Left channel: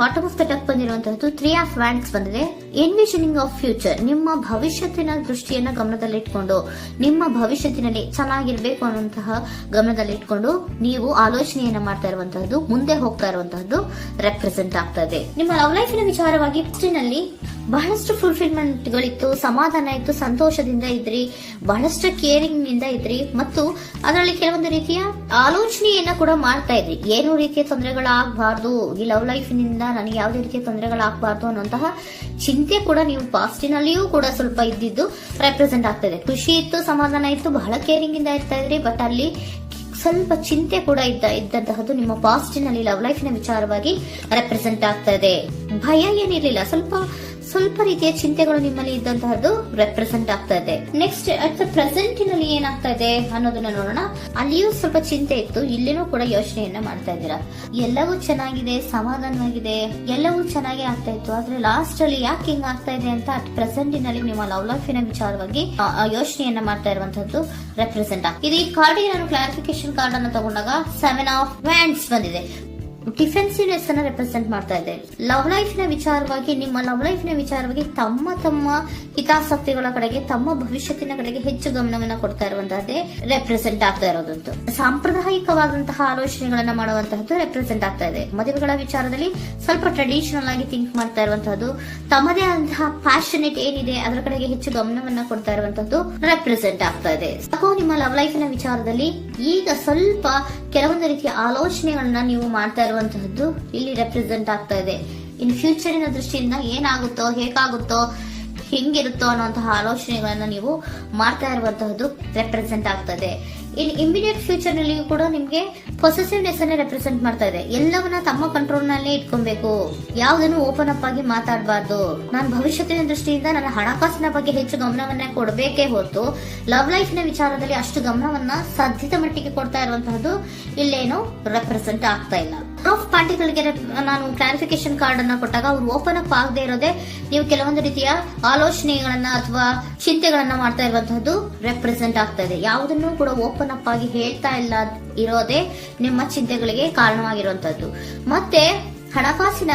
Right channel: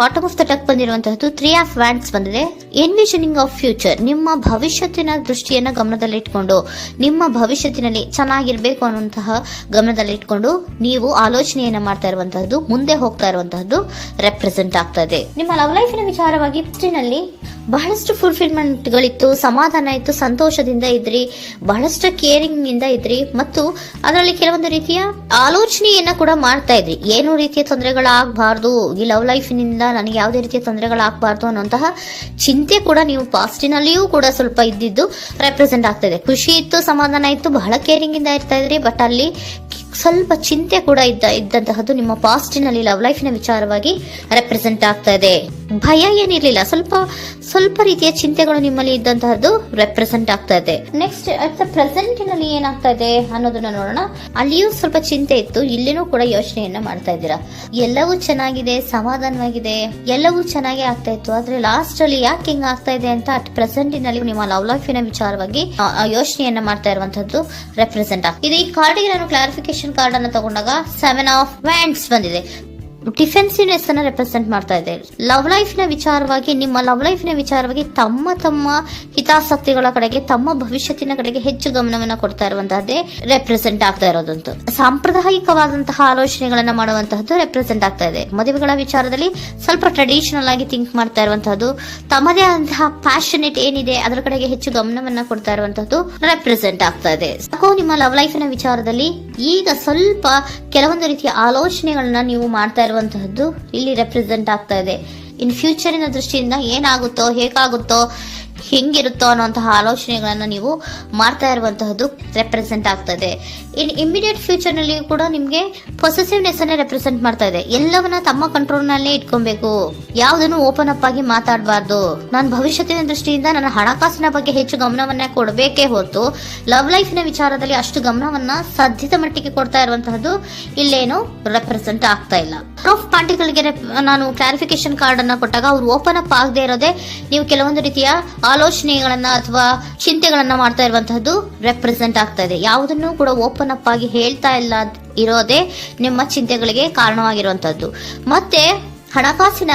Bottom of the deck ಬಂದಿರುವಂತಹದ್ದು 3 of wands ಬಂದಿದೆ. Envisioning of future, ನಿಮ್ಮ ಭವಿಷ್ಯತ್ತಿನ ದೃಷ್ಟಿಯನ್ನ ಗಮನದಲ್ಲಿಟ್ಕೊಂಡು, ನಿಮ್ಮ ಭವಿಷ್ಯತ್ತಿನಲ್ಲಿ ಚೆನ್ನಾಗಿರ್ಬೇಕು ಅನ್ನುವಂತಹ ಗಮನದಲ್ಲಿಟ್ಕೊಂಡು ನೀವು ಆಲೋಚನೆಯನ್ನ ಮಾಡ್ತಾ ಇರುವಂತಹದ್ದು, ಮುಂದೆ ಹೋಗ್ತಾ ಇರುವಂತಹದ್ದು ರೆಪ್ರೆಸೆಂಟ್ ಆಗ್ತಾ ಇದೆ. ನಿಮ್ಮ ಲವ್ ಲೈಫಿನ ವಿಚಾರವಾಗಿ ನಲ್ಲಿ ಬಹಳಷ್ಟು ಫುಲ್ಫಿಲ್ಮೆಂಟ್ ಗಳಿತ್ತು, ಸಮಾಧಾನ ಇತ್ತು, ಸಂತೋಷದಿಂದ ಇದ್ರಿ, ಬಹಳಷ್ಟು ಕೇರಿಂಗ್ ಇಂದ ಇದ್ರಿ ಮತ್ತು ಅದರಲ್ಲಿ ಕೆಲವೊಂದು ರೀತಿಯ ಆಲೋಚನೆಯನ್ನ ಕೂಡ ಮಾಡ್ತಾ ಇದ್ರಿ. ಏನು ರೀತಿಯ ತೊಂದರೆಗಳಾಗಬಾರ್ದು, ಈ ಲವ್ ಲೈಫಿನಿಂದ ನನಗೆ ಯಾವುದೇ ರೀತಿಯ ತೊಂದರೆಗಳಾಗಬಾರ್ದು ಅನ್ನುವಂತಹ ಚಿಂತೆ ಕೂಡ ನೀವು ಪಾಸ್ಟಿನಲ್ಲಿಯೂ ಕೂಡ ಸ್ವಲ್ಪ ಇದ್ದಿದ್ದು ರೆಪ್ರೆಸೆಂಟ್ ಆಗ್ತಾ ಇದೆ. ಖುಷಿ ಇತ್ತು, ಸಮಾಧಾನ ಇತ್ತು, ಬಹಳ ಕೇರಿಂಗ್ ಇಂದ ಇರ್ತಾ ಇದ್ರಿ, ಬಟ್ ಅಲ್ಲಿ ಸ್ವಲ್ಪ ಚಿಂತೆ ಕೂಡ ಇದ್ದಂತಹದ್ದು ನಿಮ್ಮ ಪಾಸ್ಟಿನಲ್ಲಿ ಲವ್ ಲೈಫಿನ ವಿಚಾರವಾಗಿ ರೆಪ್ರೆಸೆಂಟ್ ಆಗ್ತಾ ಇದೆ. ಭಯ ಏನಿರ್ಲಿಲ್ಲ, ಸ್ವಲ್ಪ ರೀತಿಯ ಚಿಂತೆಗಳು ನಿಮ್ಮಲ್ಲಿ ಇದ್ದಂತಹದ್ದು ರೆಪ್ರೆಸೆಂಟ್ ಆಗ್ತಾ ಇದೆ. ನೆಕ್ಸ್ಟ್ ಅಟ್ ದ ಪ್ರೆಸೆಂಟ್ ನಲ್ಲಿ ಏನಾಗ್ತಾ ಇದೆ ಅನ್ನೋದನ್ನ ನೋಡೋಣ. ಅಲ್ಲಿಯೂ ಸ್ವಲ್ಪ ಚಿಂತೆ ಇತ್ತು, ಇಲ್ಲಿನೂ ಕೂಡ ಯೋಚನೆಯನ್ನ ಮಾಡ್ತಾ ಇದ್ದೀರಾ. ಎಲ್ಲವೂ ಚೆನ್ನಾಗಿದೆ, ಸಮಾಧಾನವಾಗಿದೆ, ಎಲ್ಲವೂ ಚೆನ್ನಾಗಿ ಆಗ್ತಾ ಇತ್ತು, ಆದ್ರೆ ಲಾಸ್ಟ್ ಅಲ್ಲಿ ಯಾಕೆ ಹಿಂಗ ಆಗ್ತಾ ಇದೆ ಅಂತ ಅಟ್ ಪ್ರೆಸೆಂಟ್ ನಲ್ಲಿ ನಿಮ್ಮ ಲವ್ ಲೈಫಿನ ವಿಚಾರವಾಗಿ ಯೋಚನೆಯನ್ನ ಮಾಡ್ತಾ ಇರುವಂತದ್ದು ರೆಪ್ರೆಸೆಂಟ್ ಆಗ್ತದೆ. ಇದು ಈ ಕಾರ್ಡಿಗೆ ನಾನು ಕ್ಲಾರಿಫಿಕೇಶನ್ ಕಾರ್ಡ್ ಅನ್ನು ತಗೊಂಡಾಗ 7 ಆಫ್ ವ್ಯಾಂಡ್ಸ್ ಬಂದಿದೆ. ಡಿಫೆನ್ಸಿವ್ನೆಸ್ ಅನ್ನ ರೆಪ್ರೆಸೆಂಟ್ ಮಾಡ್ತಾ ಇದೆ. ಲವ್ ಲೈಫಿನ ವಿಚಾರವಾಗಿ, ನಿಮ್ಮ ಲವ್ ಲೈಫಿನ ವಿಚಾರವಾಗಿ ತಮ್ಮ ಹಿತಾಸಕ್ತಿಗಳ ಕಡೆಗೆ, ತಮ್ಮ ಭವಿಷ್ಯತ್ತಿನ ಕಡೆಗೆ ಹೆಚ್ಚು ಗಮನವನ್ನ ಕೊಡ್ತಾ ಇರುವಂತಹದ್ದೇ ರೆಪ್ರೆಸೆಂಟ್ ಆಗ್ತಾ ಇರೋದಂತೂ. ಸಾಂಪ್ರದಾಯಿಕವಾದಂತಹ ಆಲೋಚನೆಗಳನ್ನ ಮಾಡುವಂತಹದ್ದು ರೆಪ್ರೆಸೆಂಟ್ ಆಗ್ತಾ ಇದೆ. ಮದುವೆಗಳ ವಿಚಾರದಲ್ಲಿ ಸ್ವಲ್ಪ ಟ್ರೆಡಿಷನಲ್ ಆಗಿ ಥಿಂಕ್ ಮಾಡ್ತಾ ಇರುವಂತಹದ್ದು, ತಮ್ಮದೇ ಆದಂತಹ ಪ್ಯಾಷನೇಟ್ ಏನಿದೆ ಅದರ ಕಡೆಗೆ ಹೆಚ್ಚು ಗಮನವನ್ನ ಕೊಡ್ತಾ ಇರುವಂತಹದ್ದು ರೆಪ್ರೆಸೆಂಟ್ ಆಗ್ತಾ ಇದೆ. ನಿಮ್ಮ ಲವ್ ಲೈಫಿನ ವಿಚಾರದಲ್ಲಿ ಈಗ ಸ್ವಲ್ಪ ಕೆಲವೊಂದು ರೀತಿಯ ಆಲೋಚನೆಗಳನ್ನ ನೀವು ಮಾಡ್ತಾ ಇರುವಂತಹದ್ದು ಇಲ್ಲಿ ರೆಪ್ರೆಸೆಂಟ್ ಆಗ್ತಾ ಇದೆ. ಇನ್ ಫ್ಯೂಚರಿನ ದೃಷ್ಟಿಯಿಂದ ಏನಾಗುತ್ತೋ, ಹೇಗಾಗುತ್ತೋ, ಹೆಂಗಿರುತ್ತೋ ಅನ್ನುವಂತಹ ಆಲೋಚನೆಗಳನ್ನ ನೀವು ಮಾಡ್ತಾ ಇರುವಂತಹದ್ದು ರೆಪ್ರೆಸೆಂಟ್ ಆಗ್ತದೆ. ಇನ್ ಇಮಿಡಿಯೇಟ್ ಫ್ಯೂಚರ್ ನಲ್ಲಿ ಕೂಡ ನಿಮ್ಗೆ ಪೊಸೆಸಿವ್ನೆಸ್ ಅನ್ನ ರೆಪ್ರೆಸೆಂಟ್ ಮಾಡ್ತಾ ಇದೆ. ಎಲ್ಲವನ್ನ ತಮ್ಮ ಕಂಟ್ರೋಲ್ ನಲ್ಲೇ ಇಟ್ಕೊಬೇಕು, ಯಾವುದನ್ನು ಓಪನ್ ಅಪ್ ಆಗಿ ಮಾತಾಡಬಾರ್ದು. ನಾನು ಭವಿಷ್ಯತ್ತಿನ ದೃಷ್ಟಿಯಿಂದ ನನ್ನ ಹಣಕಾಸಿನ ಬಗ್ಗೆ ಹೆಚ್ಚು ಗಮನವನ್ನ ಕೊಡಬೇಕೇ ಹೊರತು ಲವ್ ಲೈಫಿನ ವಿಚಾರದಲ್ಲಿ ಅಷ್ಟು ಗಮನವನ್ನ ಸಾಧ್ಯದ ಮಟ್ಟಿಗೆ ಕೊಡ್ತಾ ಇರುವಂತಹದ್ದು ಇಲ್ಲೇನು ರೆಪ್ರೆಸೆಂಟ್ ಆಗ್ತಾ ಇಲ್ಲ. ಆಫ್ ಪಾರ್ಟಿಗಳಿಗೆ ನಾನು ಕ್ಲಾರಿಫಿಕೇಶನ್ ಕಾರ್ಡ್ ಅನ್ನ ಕೊಟ್ಟಾಗ ಅವ್ರು ಓಪನ್ ಅಪ್ ಆಗದೆ ಇರೋದೇ ನೀವು ಕೆಲವೊಂದು ರೀತಿಯ ಆಲೋಚನೆಗಳನ್ನ ಅಥವಾ ಚಿಂತೆಗಳನ್ನ ಮಾಡ್ತಾ ಇರುವಂತಹದ್ದು ರೆಪ್ರೆಸೆಂಟ್ ಆಗ್ತಾ ಇದೆ. ಯಾವುದನ್ನು ಕೂಡ ಓಪನ್ ಅಪ್ ಆಗಿ ಹೇಳ್ತಾ ಇಲ್ಲ ಇರೋದೇ ನಿಮ್ಮ ಚಿಂತೆಗಳಿಗೆ ಕಾರಣವಾಗಿರುವಂತಹದ್ದು. ಮತ್ತೆ ಹಣಕಾಸಿನ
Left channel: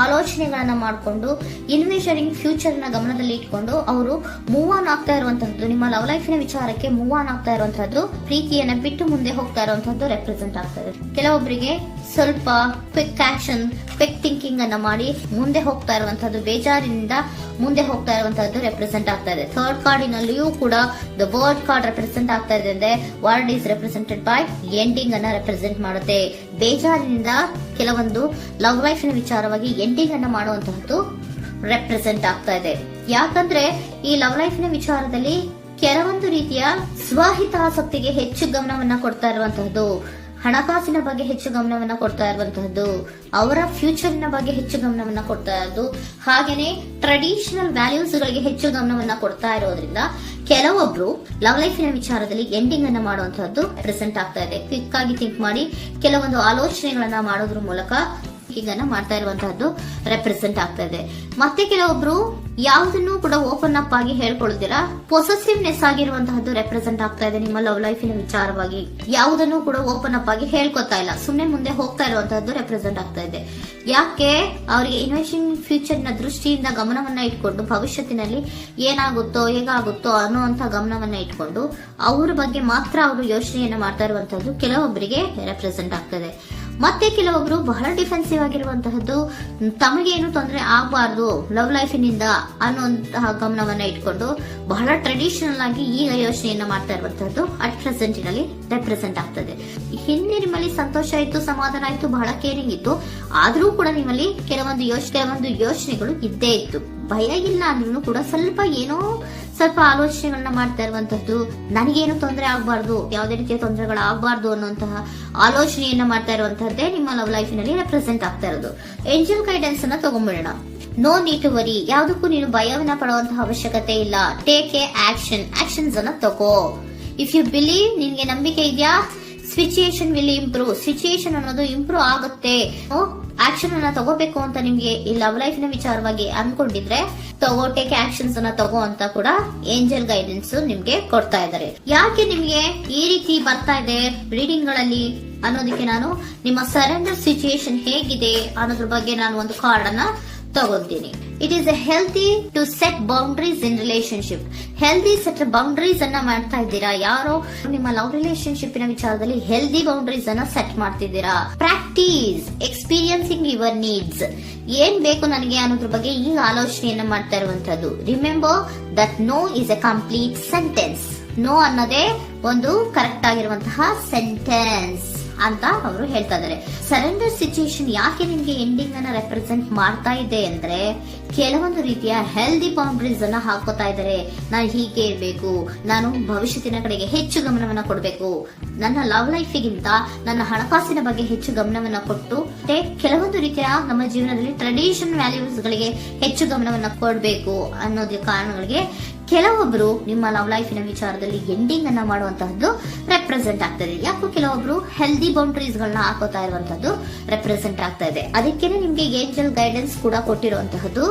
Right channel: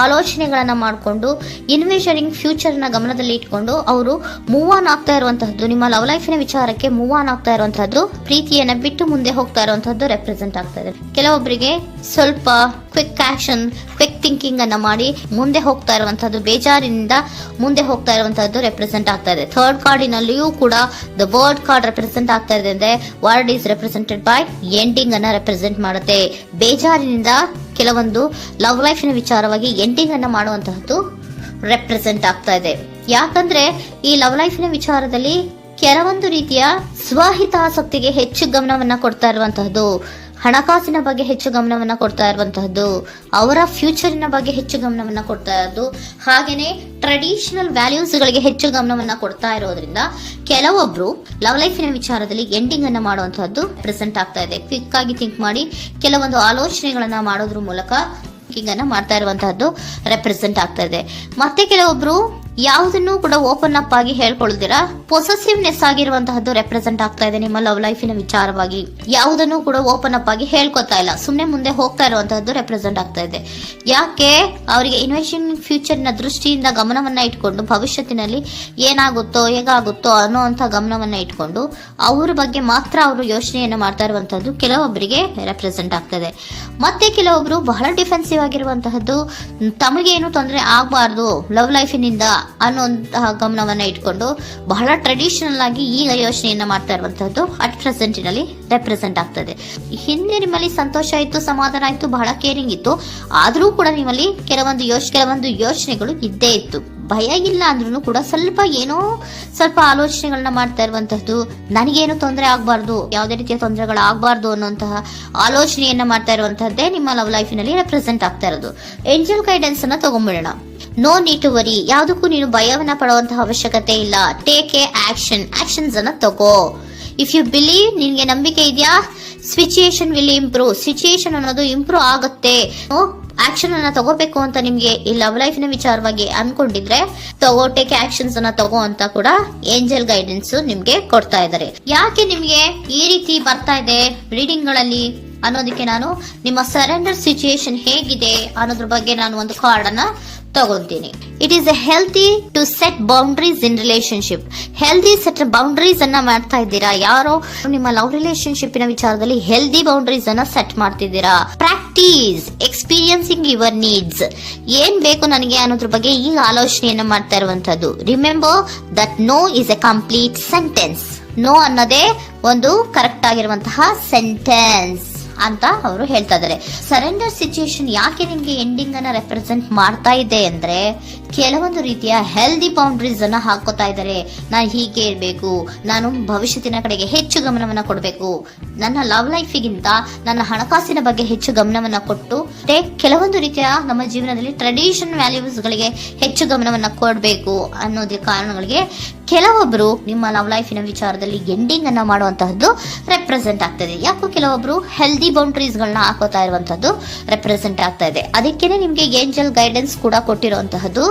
ಆಲೋಚನೆಗಳನ್ನ ಮಾಡಿಕೊಂಡು ಇನ್ವೆಸ್ಟಿಂಗ್ ಫ್ಯೂಚರ್ ನ ಗಮನದಲ್ಲಿ ಇಟ್ಕೊಂಡು ಅವರು ಮೂವ್ ಆನ್ ಆಗ್ತಾ ಇರುವಂತಹದ್ದು, ನಿಮ್ಮ ಲವ್ ಲೈಫಿನ ವಿಚಾರಕ್ಕೆ ಮೂವ್ ಆನ್ ಆಗ್ತಾ ಇರುವಂತಹದ್ದು, ಪ್ರೀತಿಯನ್ನ ಬಿಟ್ಟು ಮುಂದೆ ಹೋಗ್ತಾ ಇರುವಂತಹದ್ದು ರೆಪ್ರೆಸೆಂಟ್ ಆಗ್ತಾ ಇದೆ. ಕೆಲವೊಬ್ಬರಿಗೆ ಸ್ವಲ್ಪ ಕ್ವಿಕ್ ಆಕ್ಷನ್, ಕ್ವಿಕ್ ಥಿಂಕಿಂಗ್ ಅನ್ನ ಮಾಡಿ ಮುಂದೆ ಹೋಗ್ತಾ ಇರುವಂತಹದ್ದು, ಬೇಜಾರಿನಿಂದ ಮುಂದೆ ಹೋಗ್ತಾ ಇರುವಂತಹದ್ದು ರೆಪ್ರೆಸೆಂಟ್ ಆಗ್ತಾ ಇದೆ. ಥರ್ಡ್ ಕಾರ್ಡಿನಲ್ಲಿಯೂ ಕೂಡ ದ ವರ್ಡ್ ಕಾರ್ಡ್ ರೆಪ್ರೆಸೆಂಟ್ ಆಗ್ತಾ ಇದೆ. ಅಂದ್ರೆ word is represented by ending ಅನ್ನ ರೆಪ್ರೆಸೆಂಟ್ ಮಾಡುತ್ತೆ. ಬೇಜಾರಿನಿಂದ ಕೆಲವೊಂದು ಲವ್ ಲೈಫಿನ ವಿಚಾರವಾಗಿ ಎಂಡಿಂಗ್ ಅನ್ನ ಮಾಡುವಂತಹದ್ದು ರೆಪ್ರೆಸೆಂಟ್ ಆಗ್ತಾ ಇದೆ. ಯಾಕಂದ್ರೆ ಈ ಲವ್ ಲೈಫಿನ ವಿಚಾರದಲ್ಲಿ ಕೆಲವೊಂದು ರೀತಿಯ ಸ್ವಹಿತಾಸಕ್ತಿಗೆ ಹೆಚ್ಚು ಗಮನವನ್ನ ಕೊಡ್ತಾ ಇರುವಂತಹದ್ದು, ಹಣಕಾಸಿನ ಬಗ್ಗೆ ಹೆಚ್ಚು ಗಮನವನ್ನ ಕೊಡ್ತಾ ಇರುವಂತಹದ್ದು, ಅವರ ಫ್ಯೂಚರಿನ ಬಗ್ಗೆ ಹೆಚ್ಚು ಗಮನವನ್ನ ಕೊಡ್ತಾ ಇರೋದು, ಹಾಗೇನೆ ಟ್ರೆಡಿಷನಲ್ ವ್ಯಾಲ್ಯೂಸ್ ಗಳಿಗೆ ಹೆಚ್ಚು ಗಮನವನ್ನ ಕೊಡ್ತಾ ಇರೋದ್ರಿಂದ ಕೆಲವೊಬ್ರು ಲವ್ ಲೈಫಿನ ವಿಚಾರದಲ್ಲಿ ಎಂಡಿಂಗ್ ಅನ್ನ ಮಾಡುವಂತಹದ್ದು ಪ್ರೆಸೆಂಟ್ ಆಗ್ತಾ ಇದೆ. ಕ್ವಿಕ್ ಆಗಿ ಥಿಂಕ್ ಮಾಡಿ ಕೆಲವೊಂದು ಆಲೋಚನೆಗಳನ್ನ ಮಾಡೋದ್ರ ಮೂಲಕ ಅನ್ನ ಮಾಡ್ತಾ ಇರುವಂತಹದ್ದು ರೆಪ್ರೆಸೆಂಟ್ ಆಗ್ತಾ ಇದೆ. ಮತ್ತೆ ಕೆಲವೊಬ್ರು ಯಾವುದನ್ನು ಕೂಡ ಓಪನ್ ಅಪ್ ಆಗಿ ಹೇಳ್ಕೊಳ್ದಿರಾ ಪೊಸೆಸಿವ್ನೆಸ್ ಆಗಿರುವಂತಹದ್ದು ರೆಪ್ರೆಸೆಂಟ್ ಆಗ್ತಾ ಇದೆ. ನಿಮ್ಮ ಲವ್ ಲೈಫಿನ ವಿಚಾರವಾಗಿ ಯಾವುದನ್ನು ಕೂಡ ಓಪನ್ ಅಪ್ ಆಗಿ ಹೇಳ್ಕೊತಾ ಇಲ್ಲ, ಸುಮ್ಮನೆ ಮುಂದೆ ಹೋಗ್ತಾ ಇರುವಂತಹದ್ದು ರೆಪ್ರೆಸೆಂಟ್ ಆಗ್ತಾ ಇದೆ. ಯಾಕೆ ಅವರಿಗೆ ಇನ್ವೆಸ್ಟಿಂಗ್ ಫ್ಯೂಚರ್ ನ ದೃಷ್ಟಿಯಿಂದ ಗಮನವನ್ನ ಇಟ್ಕೊಂಡು ಭವಿಷ್ಯತ್ತಿನಲ್ಲಿ ಏನಾಗುತ್ತೋ ಹೇಗಾಗುತ್ತೋ ಅನ್ನೋಂತ ಗಮನವನ್ನ ಇಟ್ಕೊಂಡು ಅವ್ರ ಬಗ್ಗೆ ಮಾತ್ರ ಅವರು ಯೋಚನೆಯನ್ನ ಮಾಡ್ತಾ ಇರುವಂತಹದ್ದು ಕೆಲವೊಬ್ಬರಿಗೆ ರೆಪ್ರೆಸೆಂಟ್ ಆಗ್ತದೆ. ಮತ್ತೆ ಕೆಲವೊಬ್ರು ಬಹಳ ಡಿಫೆನ್ಸಿವ್ ಆಗಿರುವಂತಹದ್ದು, ತಮಗೇನು ತೊಂದರೆ ಆಗಬಾರ್ದು ಲವ್ ಲೈಫಿನಿಂದ ಅನ್ನುವಂತಹ ಗಮನವನ್ನ ಇಟ್ಕೊಂಡು ಬಹಳ ಟ್ರೆಡಿಷನಲ್ ಆಗಿ ಈಗ ಯೋಚನೆಯನ್ನ ಮಾಡ್ತಾ ಇರುವಂತಹದ್ದು ಅಟ್ ಪ್ರೆಸೆಂಟಿನಲ್ಲಿ ರೆಪ್ರೆಸೆಂಟ್ ಆಗ್ತದೆ. ಹಿಂದೆ ನಿಮ್ಮಲ್ಲಿ ಸಂತೋಷ ಇತ್ತು, ಸಮಾಧಾನ ಇತ್ತು, ಬಹಳ ಕೇರಿಂಗ್ ಇತ್ತು, ಆದ್ರೂ ಕೂಡ ನಿಮ್ಮಲ್ಲಿ ಕೆಲವೊಂದು ಯೋಚನೆಗಳು ಇದ್ದೇ ಇತ್ತು. ಭಯ ಇಲ್ಲ ಅಂದ್ರೂ ಕೂಡ ಸ್ವಲ್ಪ ಆಲೋಚನೆಗಳನ್ನ ಮಾಡ್ತಾ ಇರುವಂತಹದ್ದು, ನನಗೇನು ತೊಂದರೆ ಆಗಬಾರ್ದು, ಯಾವುದೇ ರೀತಿಯ ತೊಂದರೆಗಳಾಗಬಾರ್ದು ಅನ್ನುವಂತಹ ಆಲೋಚನೆಯನ್ನ ಮಾಡ್ತಾ ಇರುವಂತಹದ್ದೇ ನಿಮ್ಮ ಲವ್ ಲೈಫಿನಲ್ಲಿ ರೆಪ್ರೆಸೆಂಟ್ ಆಗ್ತಾ ಇರೋದು. ಏಂಜಲ್ ಗೈಡೆನ್ಸ್ ಅನ್ನ ತಗೊಂಡ್ಬಿಡೋಣ. ನೋ ನೀಡ್ ಟು ವರಿ, ಯಾವುದಕ್ಕೂ ನೀನು ಭಯವನ್ನ ಪಡುವಂತಹ ಅವಶ್ಯಕತೆ ಇಲ್ಲ. ಟೇಕ್ ಎ ಆಕ್ಷನ್ಸ್ ಅನ್ನ ತಗೋ. ಇಫ್ ಯು ಬಿಲೀವ್, ನಿನ್ಗೆ ನಂಬಿಕೆ ಇದೆಯಾ, ಸಿಚುಯೇಷನ್ ವಿಲ್ ಇಂಪ್ರೂವ್, ಸಿಚುಯೇಷನ್ ಅನ್ನೋದು ಇಂಪ್ರೂವ್ ಆಗುತ್ತೆ. ಆಕ್ಷನ್ ಅನ್ನ ತಗೋಬೇಕು ಅಂತ ನಿಮ್ಗೆ ಈ ಲವ್ ಲೈಫಿನ ವಿಚಾರವಾಗಿ ಅನ್ಕೊಂಡಿದ್ರೆ ಟೇಕ್ ಆಕ್ಷನ್ಸ್ ಅನ್ನ ತಗೋ ಅಂತ ಕೂಡ ಏಂಜಲ್ ಗೈಡೆನ್ಸ್ ನಿಮ್ಗೆ ಕೊಡ್ತಾ ಇದ್ದಾರೆ. ಯಾಕೆ ನಿಮ್ಗೆ ಈ ರೀತಿ ಬರ್ತಾ ಇದೆ ರೀಡಿಂಗ್ ಗಳಲ್ಲಿ ಅನ್ನೋದಕ್ಕೆ ನಾನು ನಿಮ್ಮ ಸರೆಂಡರ್ ಸಿಚುಯೇಷನ್ ಹೇಗಿದೆ ಅನ್ನೋದ್ರ ಬಗ್ಗೆ ನಾನು ಒಂದು ಕಾರ್ಡ್ ಅನ್ನ ತಗೊಂತೀನಿ. It is a healthy to set boundaries in relationship. Healthy set boundaries ಅನ್ನ ಮಾಡ್ತಾ ಇದ್ದೀರಾ? ಯಾರೋ ನಿಮ್ಮ ಲವ್ ರಿಲೇಶನ್ಶಿಪ್ ನ ವಿಚಾರದಲ್ಲಿ ಹೆಲ್ದಿ ಬೌಂಡ್ರೀಸ್ ಅನ್ನ ಸೆಟ್ ಮಾಡ್ತಿದ್ದೀರಾ? Practice experiencing your needs. ಏನ್ ಬೇಕು ನನಗೆ ಅನ್ನೋದ್ರ ಬಗ್ಗೆ ಈಗ ಆಲೋಚನೆಯನ್ನ ಮಾಡ್ತಾ ಇರುವಂತದ್ದು. Remember that no is a complete sentence. No ಅನ್ನೋದೇ ಒಂದು ಕರೆಕ್ಟ್ ಆಗಿರುವಂತಹ ಸೆಂಟೆನ್ಸ್ ಅಂತ ಅವರು ಹೇಳ್ತಾ ಇದ್ದಾರೆ. ಸರೆಂಡರ್ ಸಿಚುಯೇಷನ್ ಯಾಕೆ ನಿಮ್ಗೆ ಎಂಡಿಂಗ್ ಅನ್ನ ರೆಪ್ರೆಸೆಂಟ್ ಮಾಡ್ತಾ ಇದೆ ಅಂದ್ರೆ, ಕೆಲವೊಂದು ರೀತಿಯ ಹೆಲ್ದಿ ಬೌಂಡ್ರೀಸ್ ಅನ್ನ ಹಾಕೋತಾ ಇದ್ದಾರೆ. ನಾನು ಹೀಗೆ ಇರಬೇಕು, ನಾನು ಭವಿಷ್ಯತ್ತಿನ ಕಡೆಗೆ ಹೆಚ್ಚು ಗಮನವನ್ನ ಕೊಡಬೇಕು, ನನ್ನ ಲವ್ ಲೈಫಿಗಿಂತ ನನ್ನ ಹಣಕಾಸಿನ ಬಗ್ಗೆ ಹೆಚ್ಚು ಗಮನವನ್ನ ಕೊಟ್ಟು ಕೆಲವೊಂದು ರೀತಿಯ ನಮ್ಮ ಜೀವನದಲ್ಲಿ ಟ್ರೆಡಿಷನ್ ವ್ಯಾಲ್ಯೂಸ್ ಗಳಿಗೆ ಹೆಚ್ಚು ಗಮನವನ್ನ ಕೊಡಬೇಕು ಅನ್ನೋದ್ರ ಕಾರಣಗಳಿಗೆ ಕೆಲವೊಬ್ರು ನಿಮ್ಮ ಲವ್ ಲೈಫಿನ ವಿಚಾರದಲ್ಲಿ ಎಂಡಿಂಗ್ ಅನ್ನ ಮಾಡುವಂತಹದ್ದು ರೆಪ್ರೆಸೆಂಟ್ ಆಗ್ತದೆ. ಯಾಕೋ ಕೆಲವೊಬ್ರು ಹೆಲ್ದಿ ಬೌಂಡ್ರೀಸ್ ಗಳನ್ನ ಹಾಕೋತಾ ಇರುವಂತದ್ದು ರೆಪ್ರೆಸೆಂಟ್ ಆಗ್ತಾ ಇದೆ. ಅದಕ್ಕೇನೆ ನಿಮ್ಗೆ ಏಂಜಲ್ ಗೈಡೆನ್ಸ್ ಕೂಡ ಕೊಟ್ಟಿರುವಂತಹದ್ದು.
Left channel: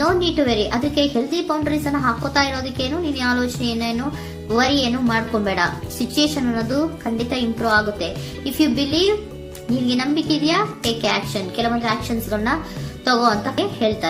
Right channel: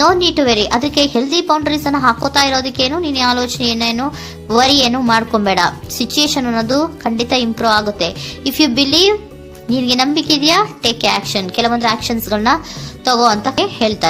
No need to worry. ಅದಕ್ಕೆ ಹೆಲ್ದಿ ಬೌಂಡ್ರೀಸ್ ಅನ್ನ ಹಾಕೋತಾ ಇರೋದಕ್ಕೇನು ನೀನು ಆಲೋಚನೆಯನ್ನೇನು ವರಿ ಏನು ಮಾಡ್ಕೊಂಬೇಡ. ಸಿಚುಯೇಷನ್ ಅನ್ನೋದು ಖಂಡಿತ ಇಂಪ್ರೂವ್ ಆಗುತ್ತೆ. ಇಫ್ ಯು ಬಿಲೀವ್, ನಿನ್ಗೆ ನಂಬಿಕೆ ಇದೆಯಾ, ಟೇಕ್ ಆಕ್ಷನ್. ಕೆಲವೊಂದು ಆಕ್ಷನ್ಸ್ ಗಳನ್ನ ತಗೋ ಅಂತ ಹೇಳ್ತಾ